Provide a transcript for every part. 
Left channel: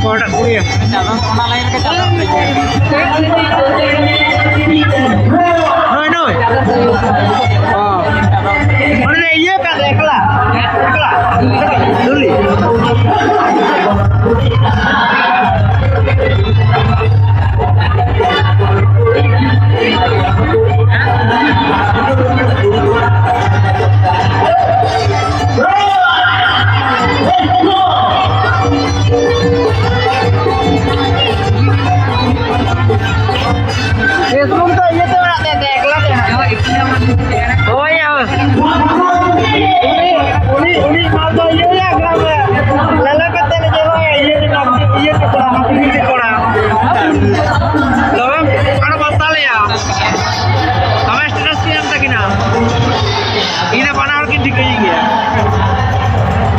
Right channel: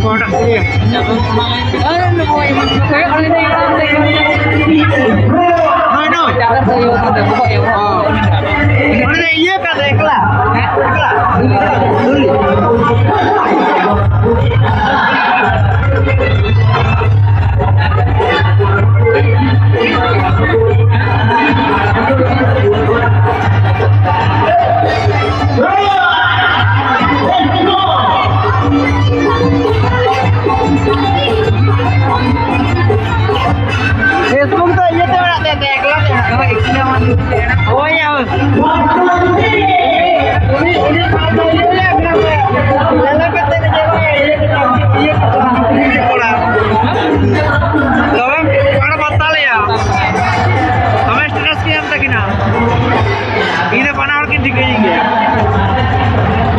Kodak kuliah. Noi noi. Oh. Mana iya kata ekla. Ekla. Duli. Sebelum tu iya tu nak tetek lah ya. Oh iya. Ini kalau iya ya kenapa? Lalu kata dia jawab iya kita ini sekolah. Lalu mana masalah ya? Kami stress kiam tak kena. Ini mana orang kini kaya gaya.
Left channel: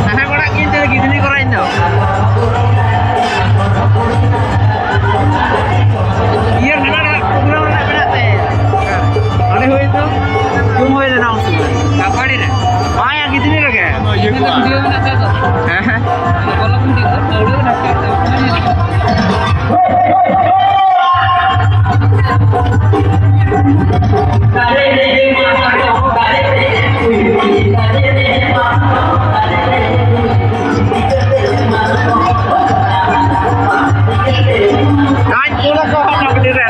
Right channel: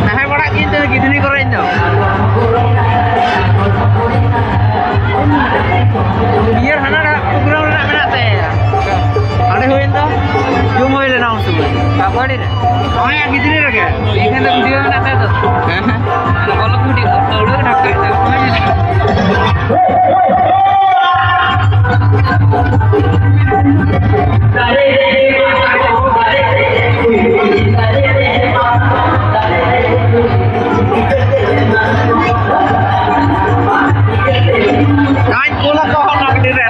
Nah, orang kini tu lagi ni koran tau. Iya, mana ada program nak berada. Ada itu, cuma itu nama semua. Apa dia? Maya gitu ni lagi. Ini tu video mana tu? Kalau video, dulu nak Kain pula kau nak berdiri.